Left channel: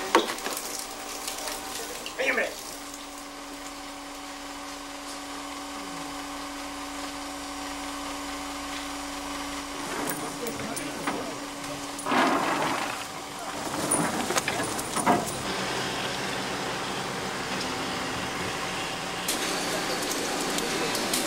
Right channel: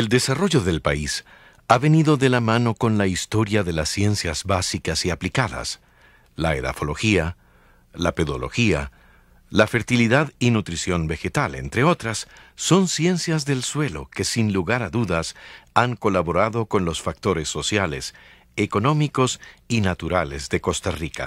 El desarrollo del país ha venido de la mano con la historia de las ciencias básicas y aplicadas, la edafología, la pedología, la fertilidad y nutrición vegetal, entre otras, son ciencias del suelo que sin lugar a dudas han colaborado con los factores sociales, económicos y naturales de Costa Rica.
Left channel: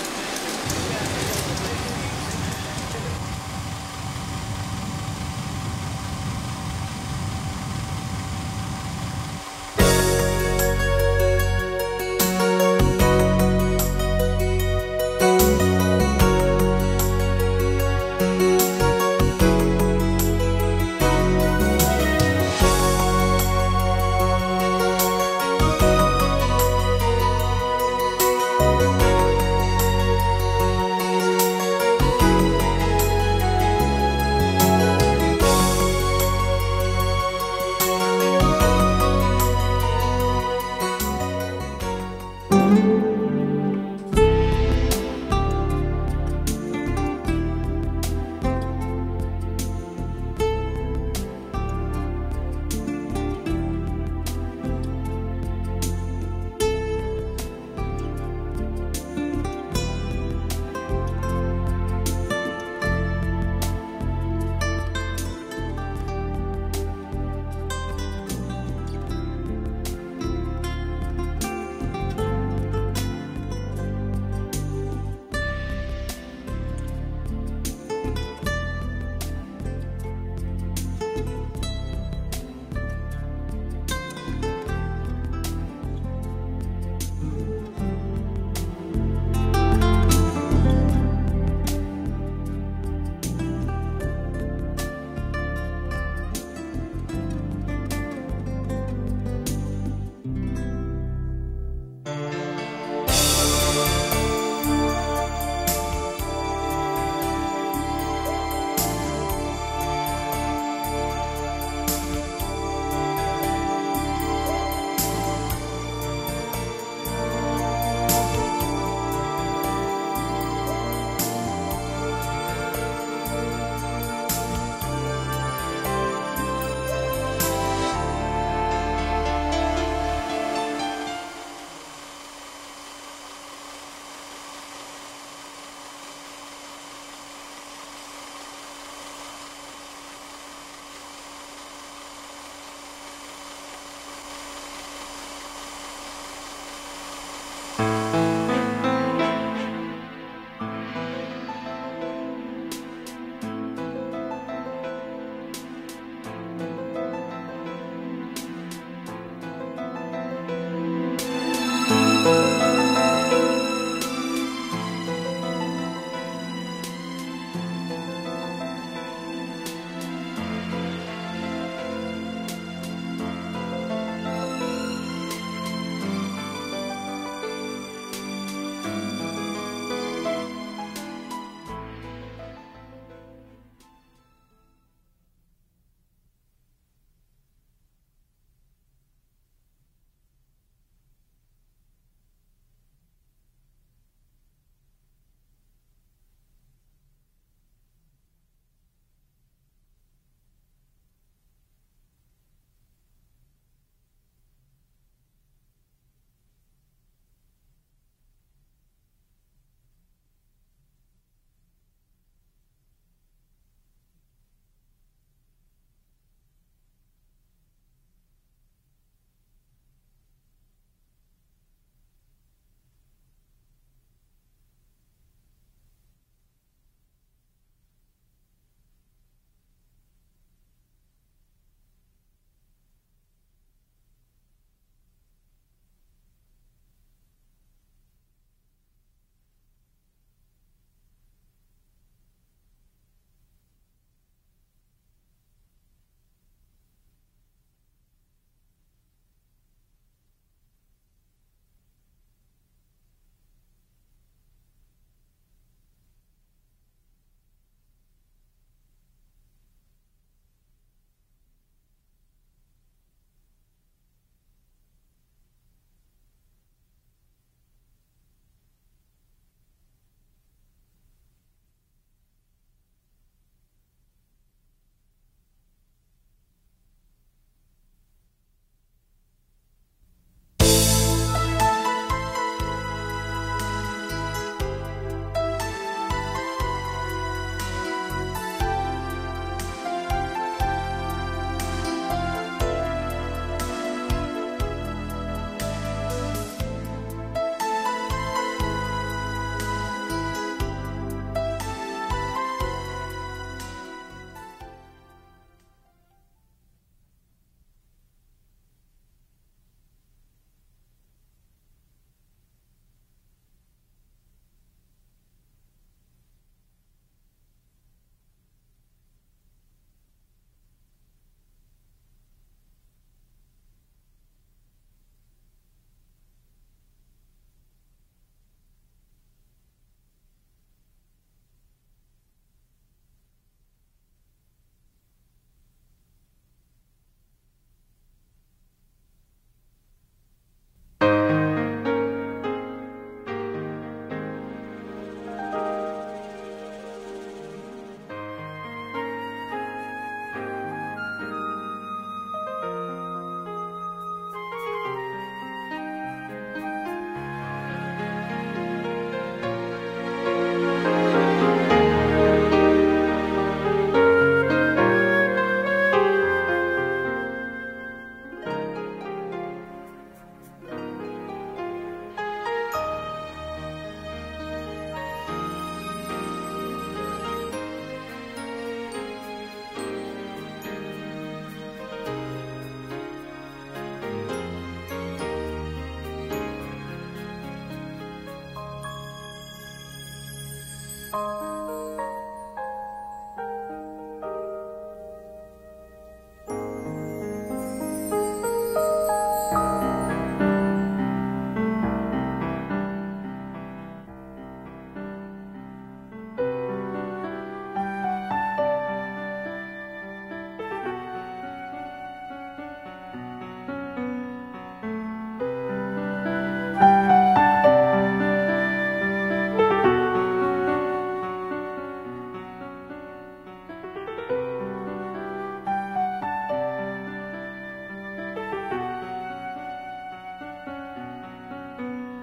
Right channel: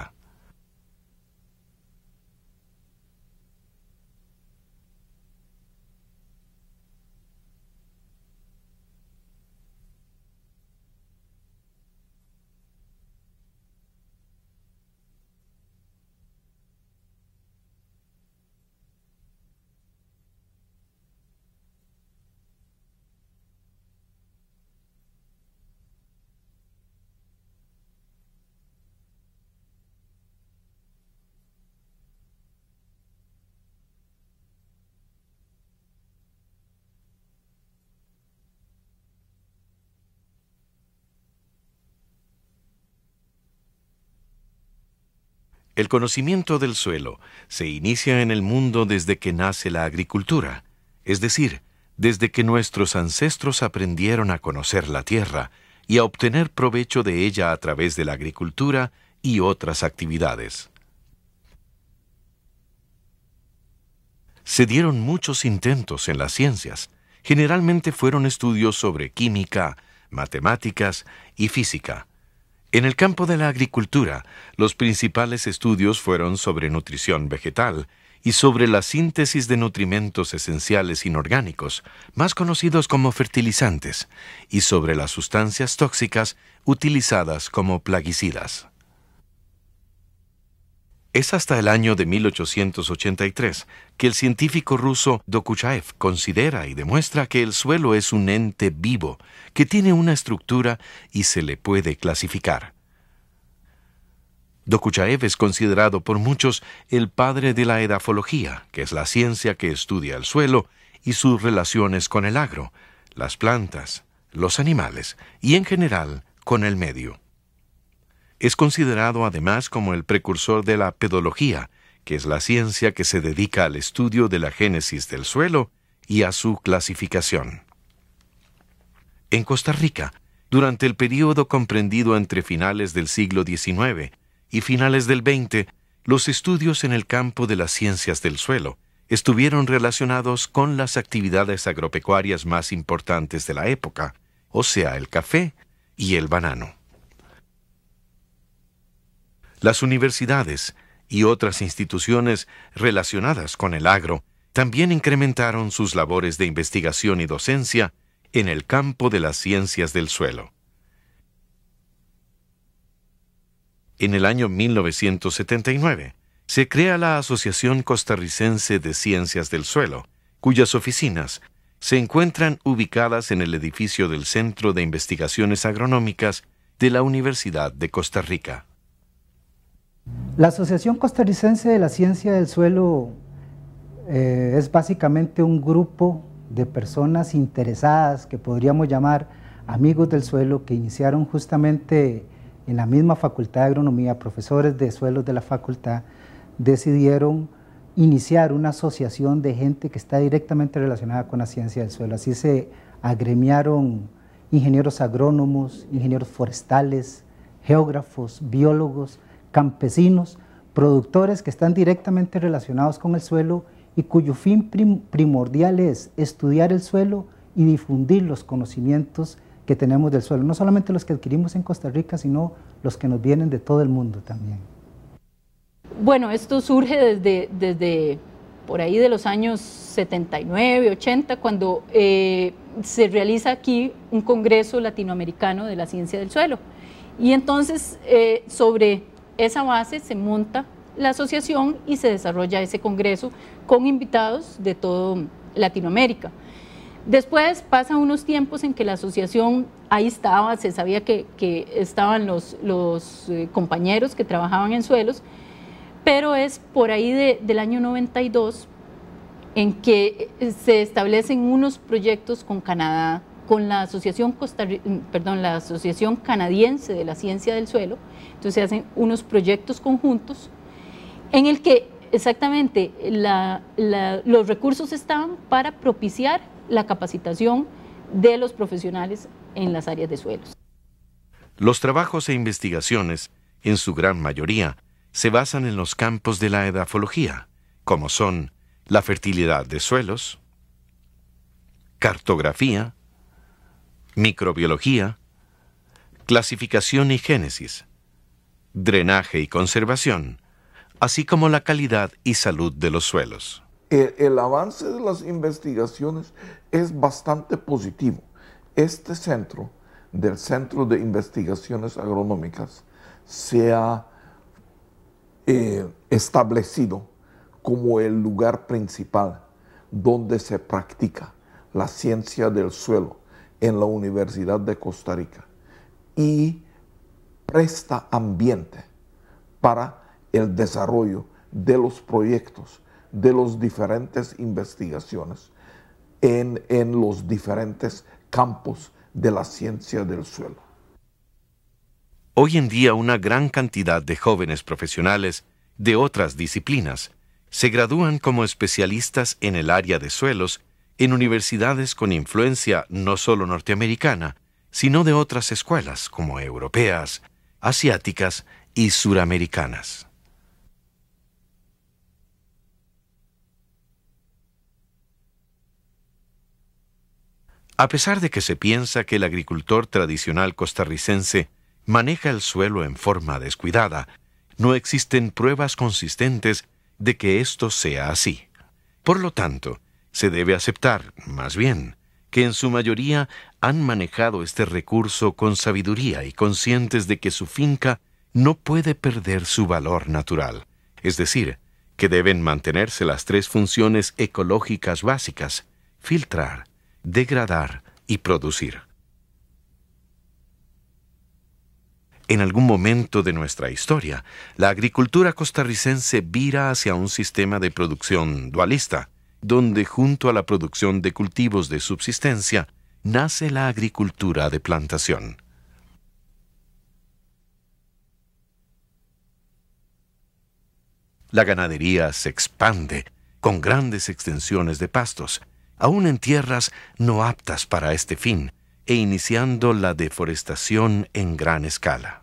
El conocimiento del suelo se inicia en el mundo desde que nace la agricultura, es decir, desde que nuestros ancestros aprendieron a conocer la tierra y a obtener provecho de ella a través de la agricultura y otras actividades. Se dieron muchos intentos en las ciencias. Generalmente fueron estudios sobre química, matemáticas y física. En el campo de la agricultura, los principales estudios fueron sobre nutrición vegetal y sobre la síntesis de nutrimentos esenciales inorgánicos, más conocidos como fertilizantes, y sobre las sustancias tóxicas utilizadas como plaguicidas. Es hasta el año de 1883 que el científico ruso Dokuchaev considera y demuestra que el suelo es un ente vivo que tiene una estructura y se le puede clasificar. Dokuchaev es considerado por muchos el padre de la edafología, que es la ciencia que estudia el suelo y sus relaciones con el agro, las plantas, los animales y en general con el medio. Es considerado además como el precursor de la pedología, que es la ciencia que se dedica al estudio de la génesis del suelo y a su clasificación. En Costa Rica, durante el período comprendido entre finales del siglo XIX y finales del XX, los estudios en el campo de las ciencias del suelo estuvieron relacionados con las actividades agropecuarias más importantes de la época, o sea, el café y el banano. Las universidades y otras instituciones relacionadas con el agro también incrementaron sus labores de investigación y docencia en el campo de las ciencias del suelo. En el año 1979 se crea la Asociación Costarricense de Ciencias del Suelo, cuyas oficinas se encuentran ubicadas en el edificio del Centro de Investigaciones Agronómicas de la Universidad de Costa Rica. La Asociación Costarricense de la Ciencia del Suelo es básicamente un grupo de personas interesadas que podríamos llamar amigos del suelo, que iniciaron justamente en la misma Facultad de Agronomía. Profesores de suelos de la facultad decidieron iniciar una asociación de gente que está directamente relacionada con la ciencia del suelo. Así se agremiaron ingenieros agrónomos, ingenieros forestales, geógrafos, biólogos, campesinos, productores que están directamente relacionados con el suelo y cuyo fin primordial es estudiar el suelo y difundir los conocimientos que tenemos del suelo, no solamente los que adquirimos en Costa Rica, sino los que nos vienen de todo el mundo también. Bueno, esto surge desde por ahí de los años 79, 80, cuando se realiza aquí un congreso latinoamericano de la ciencia del suelo. Y entonces, sobre esa base se monta la asociación y se desarrolla ese congreso con invitados de toda Latinoamérica. Después pasan unos tiempos en que la asociación ahí estaba, se sabía que estaban los compañeros que trabajaban en suelos, pero es por ahí del año 92 en que se establecen unos proyectos con Canadá, con la Asociación Canadiense de la Ciencia del Suelo. Entonces se hacen unos proyectos conjuntos en el que exactamente los recursos estaban para propiciar la capacitación de los profesionales en las áreas de suelos. Los trabajos e investigaciones, en su gran mayoría, se basan en los campos de la edafología, como son la fertilidad de suelos, cartografía, microbiología, clasificación y génesis, drenaje y conservación, así como la calidad y salud de los suelos. El avance de las investigaciones es bastante positivo. Este centro, del Centro de Investigaciones Agronómicas, se ha establecido como el lugar principal donde se practica la ciencia del suelo en la Universidad de Costa Rica y presta ambiente para el desarrollo de los proyectos, de las diferentes investigaciones en los diferentes campos de la ciencia del suelo. Hoy en día una gran cantidad de jóvenes profesionales de otras disciplinas se gradúan como especialistas en el área de suelos en universidades con influencia no solo norteamericana, sino de otras escuelas como europeas, asiáticas y suramericanas. A pesar de que se piensa que el agricultor tradicional costarricense maneja el suelo en forma descuidada, no existen pruebas consistentes de que esto sea así. Por lo tanto, se debe aceptar, más bien, que en su mayoría han manejado este recurso con sabiduría y conscientes de que su finca no puede perder su valor natural, es decir, que deben mantenerse las tres funciones ecológicas básicas: filtrar, degradar y producir. En algún momento de nuestra historia, la agricultura costarricense vira hacia un sistema de producción dualista, donde junto a la producción de cultivos de subsistencia, nace la agricultura de plantación. La ganadería se expande con grandes extensiones de pastos, aún en tierras no aptas para este fin, e iniciando la deforestación en gran escala.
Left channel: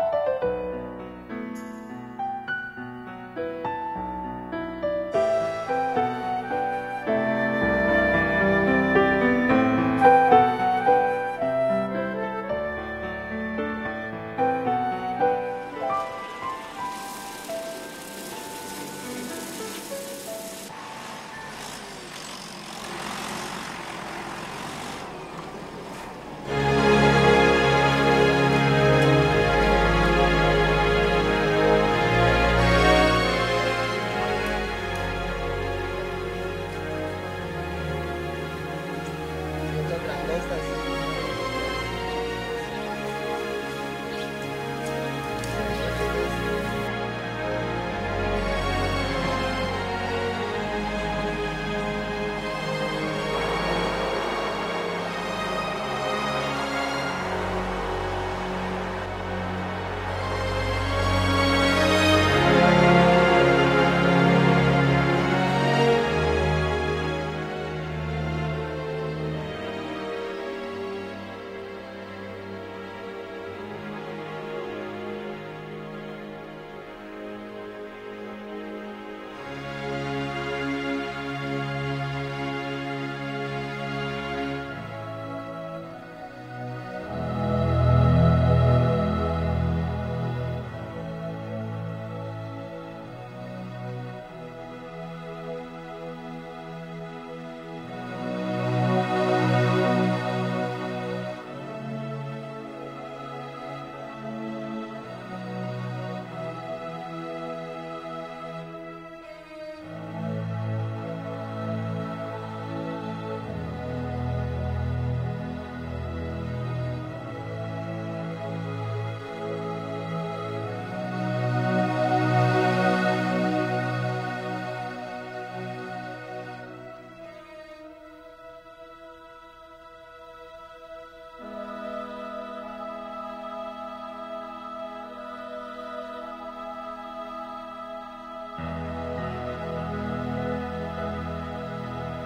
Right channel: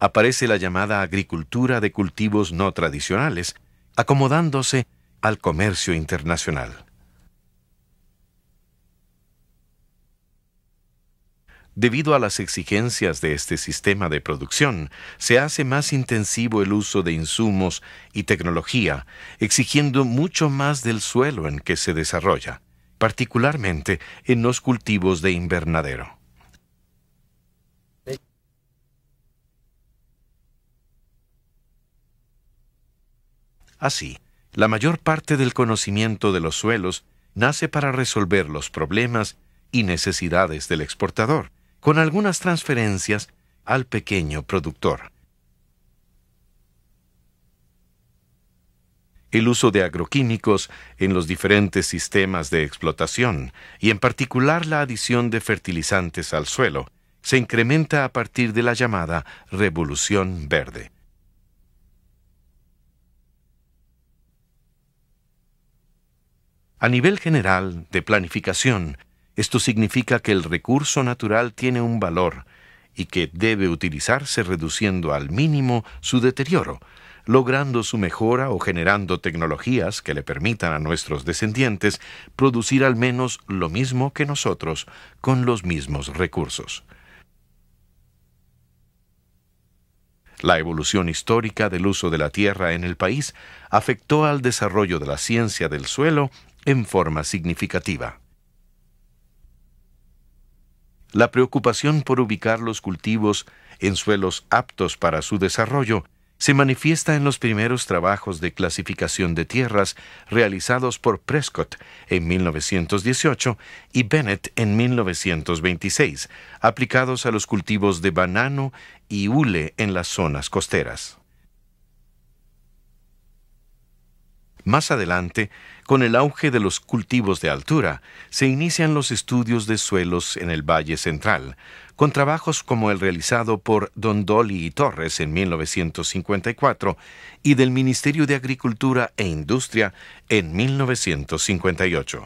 Aparece la llamada agricultura de cultivos no tradicionales, acomodándose al comercio internacional. Debido a las exigencias de este sistema de producción, se hace más intensivo el uso de insumos y tecnología, exigiendo mucho más del suelo en que se desarrolla, particularmente en los cultivos de invernadero. Así, la mayor parte del conocimiento de los suelos nace para resolver los problemas y necesidades del exportador, con algunas transferencias al pequeño productor. El uso de agroquímicos en los diferentes sistemas de explotación y en particular la adición de fertilizantes al suelo se incrementa a partir de la llamada Revolución Verde. A nivel general de planificación, esto significa que el recurso natural tiene un valor y que debe utilizarse reduciendo al mínimo su deterioro, logrando su mejora o generando tecnologías que le permitan a nuestros descendientes producir al menos lo mismo que nosotros con los mismos recursos. La evolución histórica del uso de la tierra en el país afectó al desarrollo de la ciencia del suelo en forma significativa. La preocupación por ubicar los cultivos en suelos aptos para su desarrollo se manifiesta en los primeros trabajos de clasificación de tierras realizados por Prescott en 1918 y Bennett en 1926, aplicados a los cultivos de banano y hule en las zonas costeras. Más adelante, con el auge de los cultivos de altura, se inician los estudios de suelos en el Valle Central, con trabajos como el realizado por Don Dolly y Torres en 1954 y del Ministerio de Agricultura e Industria en 1958.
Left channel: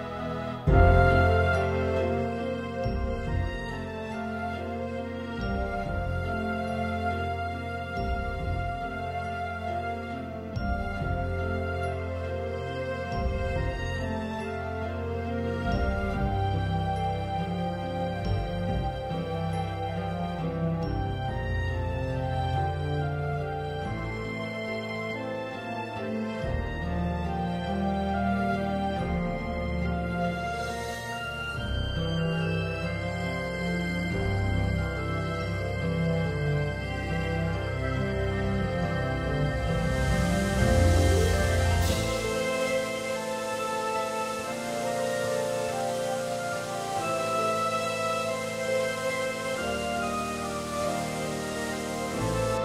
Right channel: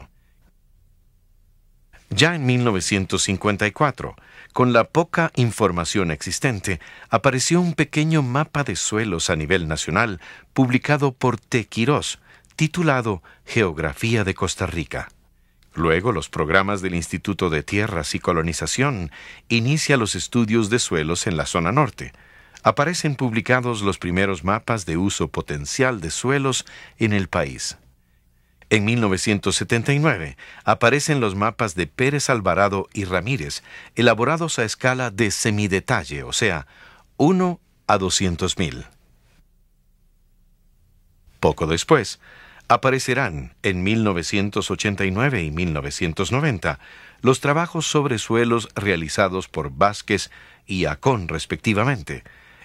Ya en 1954, con la poca información existente, apareció un pequeño mapa de suelos a nivel nacional publicado por T. Quirós, titulado Geografía de Costa Rica. Luego, los programas del Instituto de Tierras y Colonización inicia los estudios de suelos en la zona norte. Aparecen publicados los primeros mapas de uso potencial de suelos en el país. En 1979 aparecen los mapas de Pérez Alvarado y Ramírez, elaborados a escala de semidetalle, o sea, 1 a 200.000. Poco después, aparecerán en 1989 y 1990 los trabajos sobre suelos realizados por Vázquez y Acón, respectivamente.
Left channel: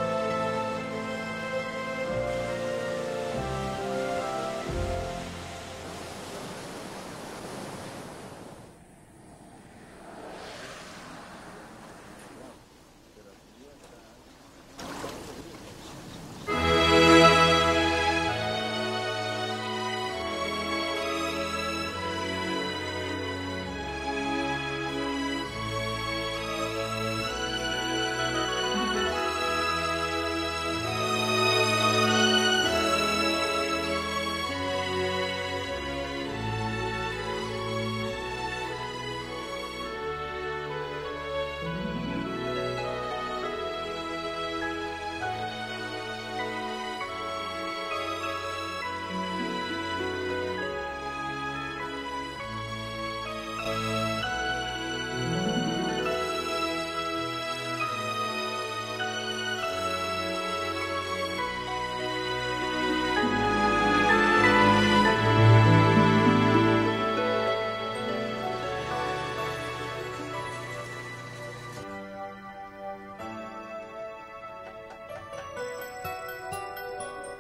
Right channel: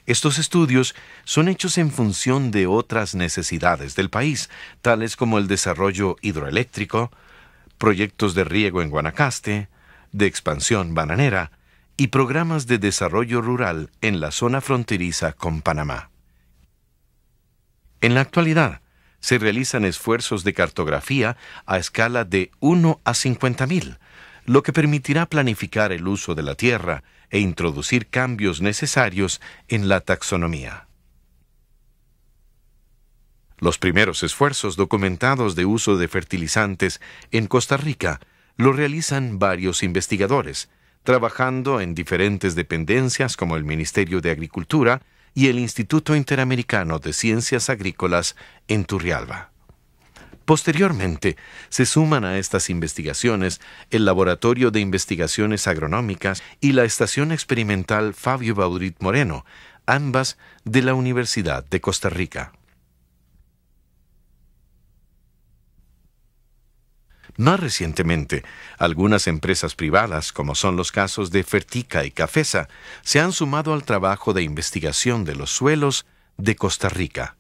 Estos estudios son hechos en función de otras necesidades del país, tales como el desarrollo hidroeléctrico, proyectos de riego en Guanacaste, de expansión bananera y programas de desarrollo rural en la zona fronteriza con Panamá. En la actualidad, se realizan esfuerzos de cartografía a escala de 1 a 50.000, lo que permitirá planificar el uso de la tierra e introducir cambios necesarios en la taxonomía. Los primeros esfuerzos documentados de uso de fertilizantes en Costa Rica lo realizan varios investigadores, trabajando en diferentes dependencias como el Ministerio de Agricultura y el Instituto Interamericano de Ciencias Agrícolas en Turrialba. Posteriormente, se suman a estas investigaciones el Laboratorio de Investigaciones Agronómicas y la Estación Experimental Fabio Baudrit Moreno, ambas de la Universidad de Costa Rica. Más recientemente, algunas empresas privadas, como son los casos de Fertica y Cafesa, se han sumado al trabajo de investigación de los suelos de Costa Rica.